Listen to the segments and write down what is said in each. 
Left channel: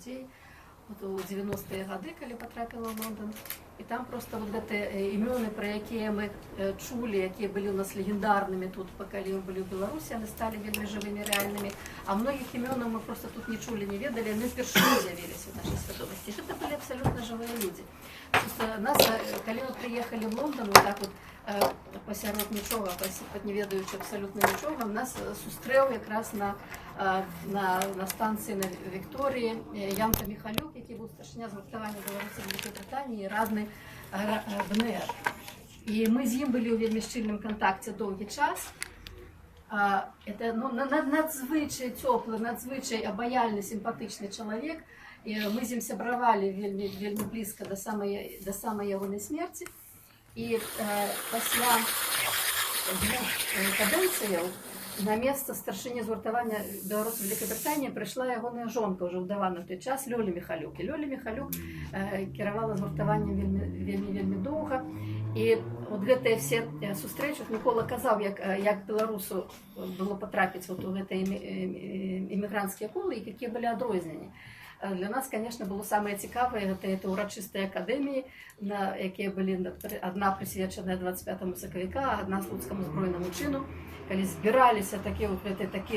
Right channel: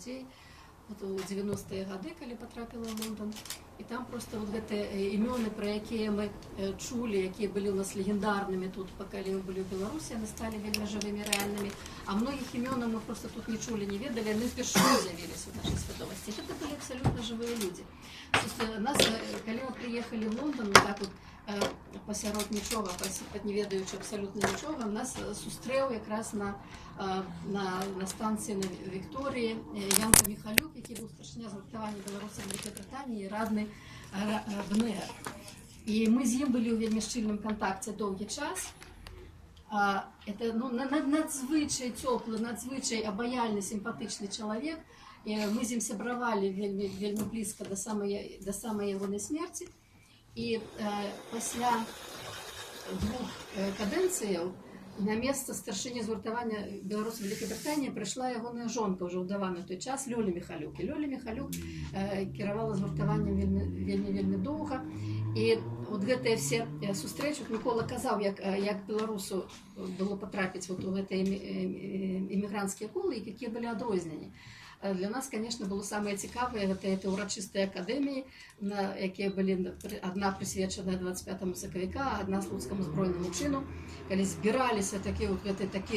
людзей у 90-е гады, калі патрапіла ў Лондан. І там просто вот гэтыя імёны, пра якія мы чулі, якія былі ў нас легендарнымі тут, калі мы былі ў Беларусі, яны сталі вельмі жывымі, рэальнымі. А многіх імёнаў мы просто тут не чулі, не ведалі, яны впершыню з'явіліся ў нашай свядомасці. Гэта былі абсалютна жывыя людзі. Нас, калі мы прыехалі в Лондан, вот так вот пасярод нічога, не ведаючы абсалютна нічога, нас сустрэў якраз на станцыі на Вікторыі Янка Міхалюк, які быў старшыня згуртавання Беларусі Вялікай Брытаніі і радны БНР. І мы з ім былі ў вельмі шчыльным кантакце доўгі час. Это надзвычай цёплы, надзвычай абаяльны, сімпатычны чалавек. І мы з ім сябравалі вельмі блізка да самай ягонай смерці. І пасля 2 кадэнцыяў на месца старшыні згуртавання Беларусі Вялікай Брытаніі прыйшла ягоная жонка, ўжо ўдавана ў той час, Лёля Міхалюк. І Лёля Міхалюк кіравала згуртаваннем вельмі доўга. І от гэтыя все сустрэчы, Мікола казаў, як беларусу было патрапіць у гэтыя імігранцкія колы, і якія былі адрозненні. Для нас, конечно, было самае цікавае, гэта ўрачыстыя акадэміі, якія былі адна прысвечаная 25 сакавіка, адна слуцкаму збройнаму чыну, калі збіраліся такія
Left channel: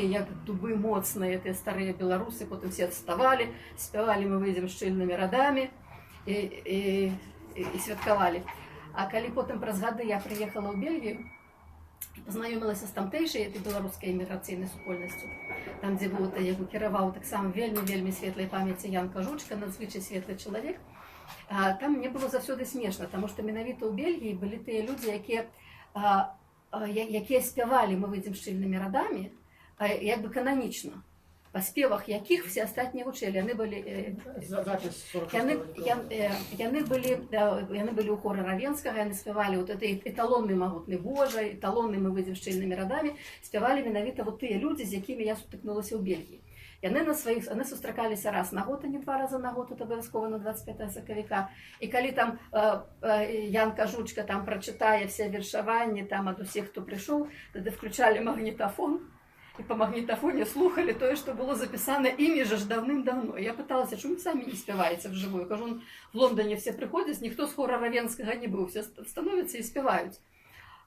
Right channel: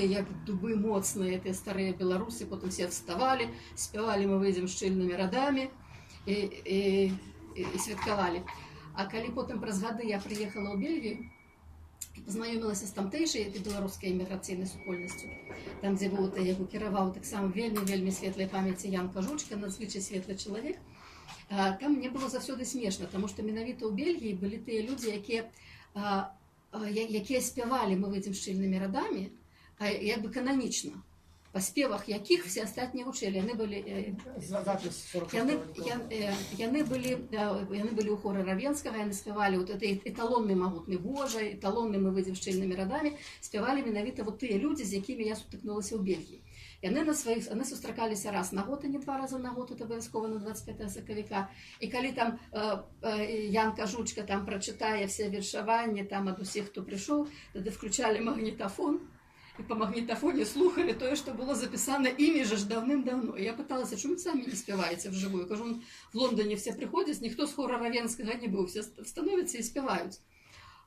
як дубы моцныя, тыя старыя беларусы, потым все вставалі, спявалі «Мы выйдзем шчыльнымі радамі» і святкавалі. А калі потым праз гады я прыехала ў Бельгію, пазнаёмілася з тамтэйшай беларускай эміграцыйнай супольнасцю, там, дзе яго кіраваў таксама вельмі светлай памяці Ян Кажучка, надзвычай светлы чалавек. Там мне было заўсёды смешна, таму што менавіта ў Бельгіі былі тыя людзі, якія спявалі «Мы выйдзем шчыльнымі радамі», як бы кананічна, па спевах якіх все астатнія вучэлі. Яны былі ў хоры Равенскага, яны спявалі эталонны «Магутны Божа», эталонны «Мы выйдзем шчыльнымі радамі», спявалі менавіта тыя людзі, з якімі я сутыкнулася ў Бельгіі. Яны сустракаліся раз на год, а не 2 разы на год, это абавязкова на 25 сакавіка. І калі там Ян Кажучка там прачытае все вершаванні там ад усіх, хто прыйшоў, тады включалі магнітафон, і па магнітафоне слухалі тое, што было запісана імі ж даўным-даўно. Я пыталася, чому самі не спяваеце вживую? Кажу, в Лондоне все приходят, ніхто з хора Равенскага не быў, все становяцца і спяваюць.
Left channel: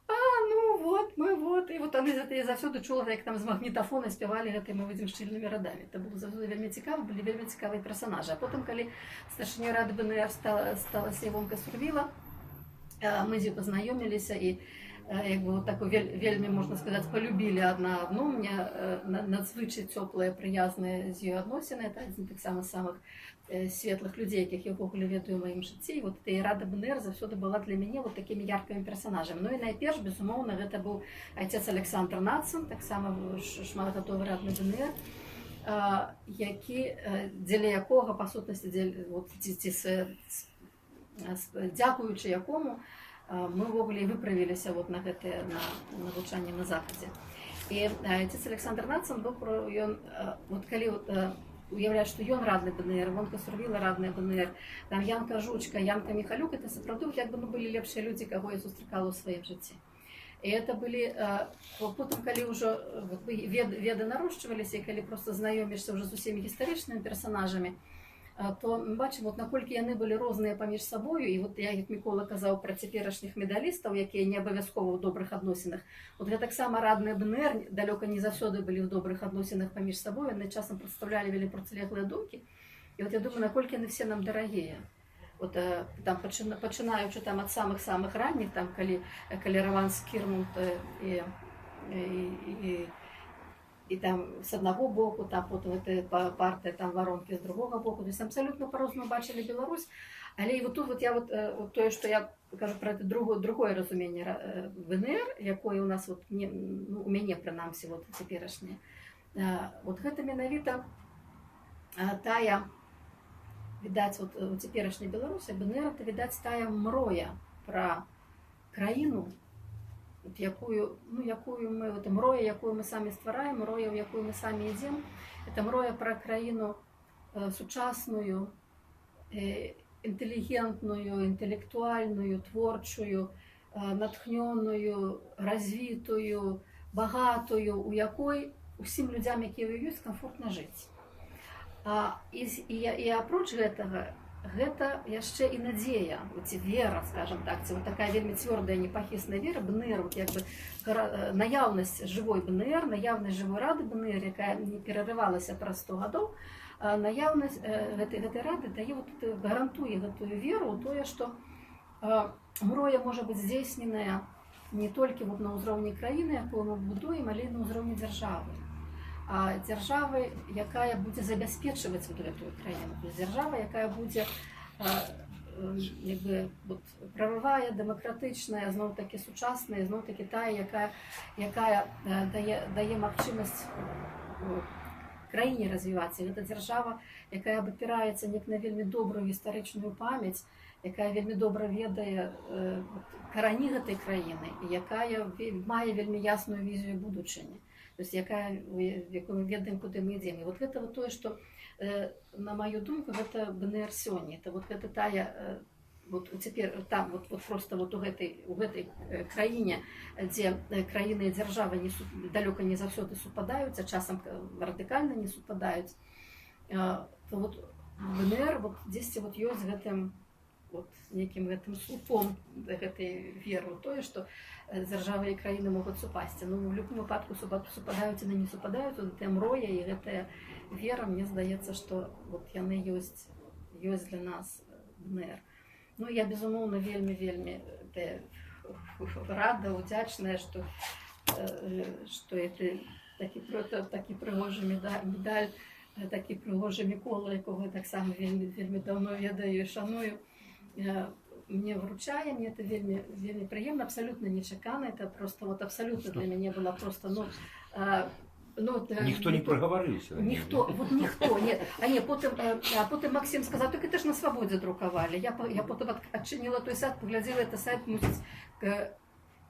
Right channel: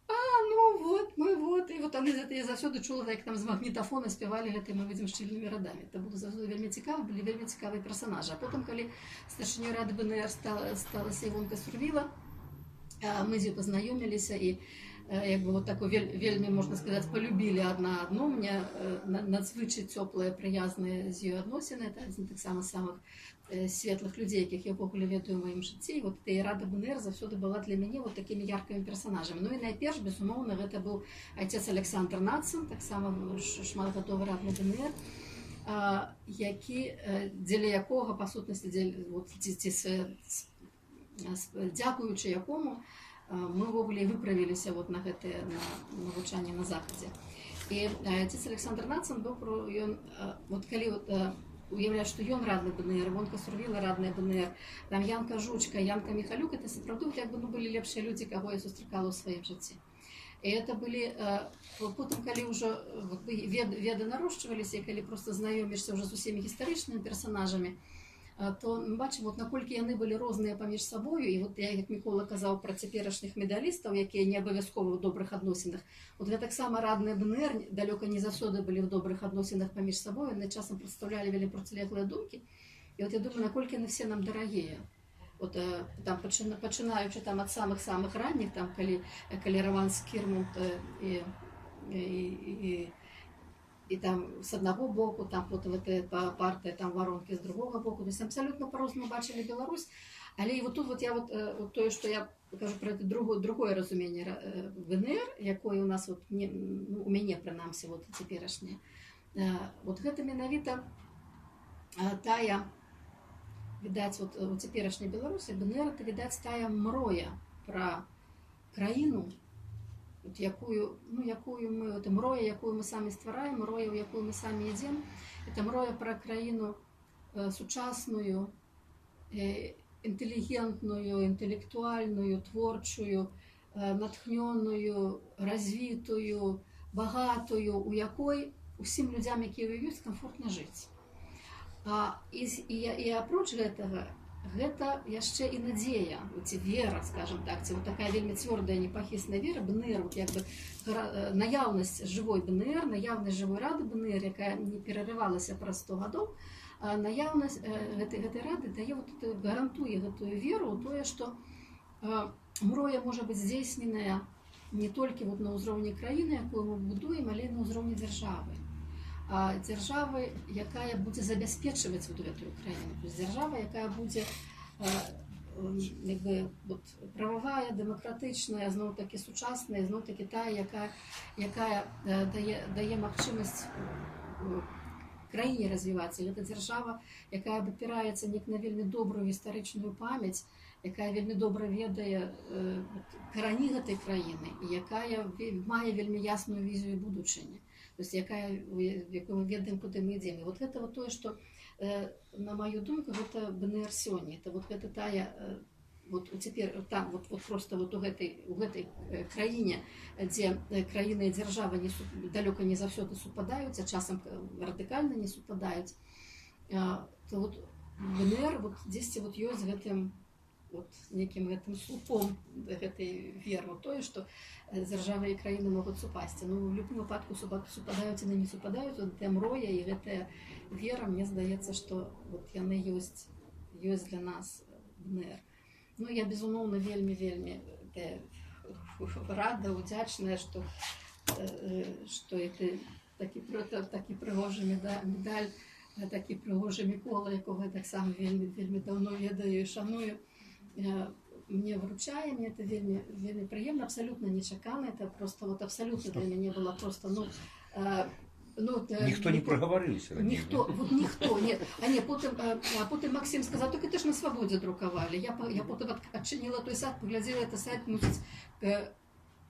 І вот они заўсёды чула, як там з магнітафона спявалі гэтай «Мы выйдзем шчыльнымі радамі». Это было заўсёды вельмі цікава, былі вельмі цікавыя персонажы. А потым, калі старшынёй рады БНР сталася Івонка Сурвіла, мы з ёй пазнаёміліся і вельмі, можна сказаць, полюбілі адна адну. Мне надзвычай цёплыя, прыязныя з ёй адносіны. Это адзін таксама з самых светлых людзей, якіх я ўвогуле ведаю ў маім жыцці. І рада БНР заўсёды была для мяне такімі яркімі персонажамі. Ну і найперш, безумоўна, гэта быў айцец Александр Нацын, таксама шматгадовы радны БНР, дзеля якога, па сутнасці, дзякуючы якому, мы ўвогуле выправіліся на гэтае навучанне на Захадзе. І айцец Александр Нацын быў, калі уяўляць, што ён радны БНР, Івонка Сурвіла радная БНР, там Ян Кажучка, Янка Міхалюк, это сапраўды былі лепшыя людзі, каго я сустракала ў сваім жыцці. І это былі, потым, калі ўжо веды нарошчваліся, і калі проста знаёмішся ўжо з усімі гістарычнымі персонажамі, то мы бачым, наколькі яны былі розныя паміж сабою. І я, як Мікола казаў пра цяперашніх медалістаў, якія не абавязкова ў добрых адносінах, гэтаксама радныя БНР далёка не заўсёды былі ў добрых адносінах паміж сабою, яны часам прадстаўлялі вельмі процілеглыя думкі. І я думаю, наколькі яны все нам дарагія. Пачынаючы ад самых ранніх, калі Роман Скірмонт і там з аднаго боку, там потым партыя Варонкі з другога боку. То есть абсалютна па-рознаму бачылі Беларусь. Але і тут я тое, што я кажу пра другое разуменне БНР, якое у нас у мяне прынамсі цяперашняе. Гэта менавіта тая, відаць, у цяперашняй Беларусі БНР, это, відаць, тая мроя пра краіну, якую мы, мроя, якую мы самі ствараем, мроя, у якую мы самі ідзем. Это мроя пра краіну сучасную, інтэлігентную, інтэлектуальную, творчую, натхнённую, развітую, багатую, у якой усім людзям, якія ёсць, комфортна жыць. І апроч гэтага, гэта яшчэ і надзея, ці вера, скажем так, ці вот такая вельмі цвёрдая непахісная вера, БНР, як бы наяўнасць жывой БНР, наяўнасць жывой рады БНР, якая не перарывалася праз 100 гадоў, наяўнасць гэтай рады дае вот гарантуе гэтую веру ў тое, што мроя можа быць здзейсненая не толькі вот на ўзроўні краіны, якую мы будуем, але і на ўзроўні дзяржавы. Дзяржавы, якая будзе забяспечваць вот гэтую краіну, то есть дзяржава, якая будзе вот, прававая, дэмакратычная, зноў-такі сучасная, зноў-такі тая, якая дае магчымасць краіне развівацца. Гэта дзяржава, якая абапіраецца неяк на вельмі добрую гістарычную памяць, якая вельмі добра ведае карані гэтай краіны, і якая мае вельмі ясную візію будучыні. То есть, якую мы ведаем, куды мы ідзем. І вот гэта вот тое, што, на маю думку, гэта БНР сёння. Это вот гэта тая, вот цяпер там вот просто вот у гэтай краіне, дзе краіна і дзяржава далёка не заўсёды супадаюць, а часам радыкальна не супадаюць, то вот БНР вот дзесьці вот ёсць гэтым вот некім гэтым слупом гэтай веры ў тое, што дзяржавы і краіны могуць супасці. Ну, в любым выпадку супадаюць і не супадаюць, гэтая мроя і гэтая вера, мне здаецца, што вот яны ёсць для нас БНР. Ну, я, безумоўна, вельмі рада, удзячная, што такі прыгожы медаль, такі прыгожы Мікола, якога я таксама вельмі даўно ведаю і шаную, мне вручае, мне это вельмі прыемна, абсолютно нечакана, это просто вот абсолютно для мяне было просто, ніхто не праговорыўся. Ніхто, нет. Потым Максим сказаў, так это ж на Свабодзе друкавалі. Я потым адчыніла той сайт, паглядзела, это сайт, мусіць,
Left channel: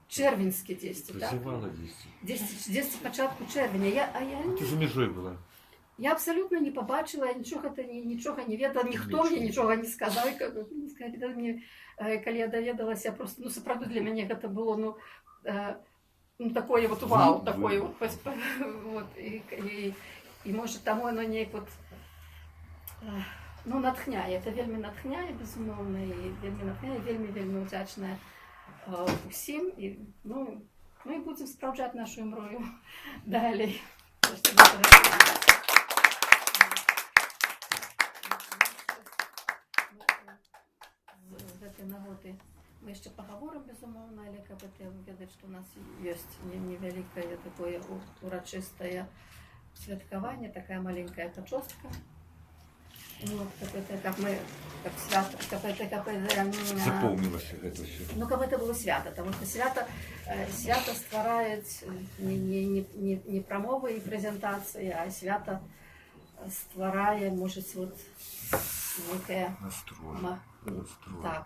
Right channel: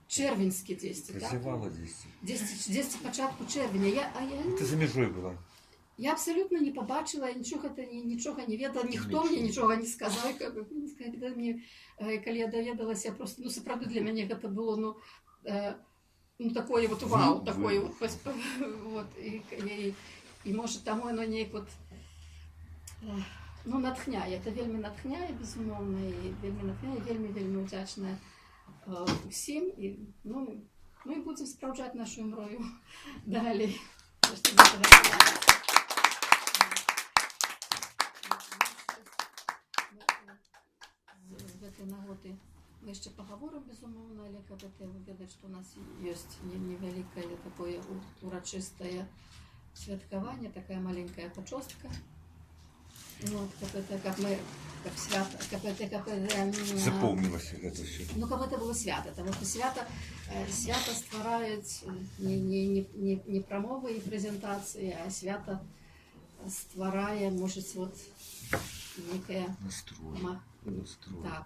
чэрвеньскі дзесьці, так? Прызывала Дзесьці пачатку чэрвеня. Ты за мяжой была. Я абсолютно не побачила, нічога не ведала, ніхто мне нічога не сказаў. Калі я даведалася, просто, ну, сапраўды для мяне гэта было, такое вот вау, такое вот, і може таму оно неяк вот, натхняе, это вельмі натхняе, безумоўна, і вельмі удзячная усім, і будзем спраўджаць нашу мрою далей. З гэтай нагоды мы яшчэ пагаворым, безумоўна, але каб ведаць, што у нас ёсць невялікае такое урачыстае святкаванне, такая маленькая пачостка. Каб мы так свята, запомнілася гэта ўсё. Каб гэта было свята, таму што свята ствараюць не прамовы і прэзентацыі, а свята стварае, можа, вот некая... Настрой. Так.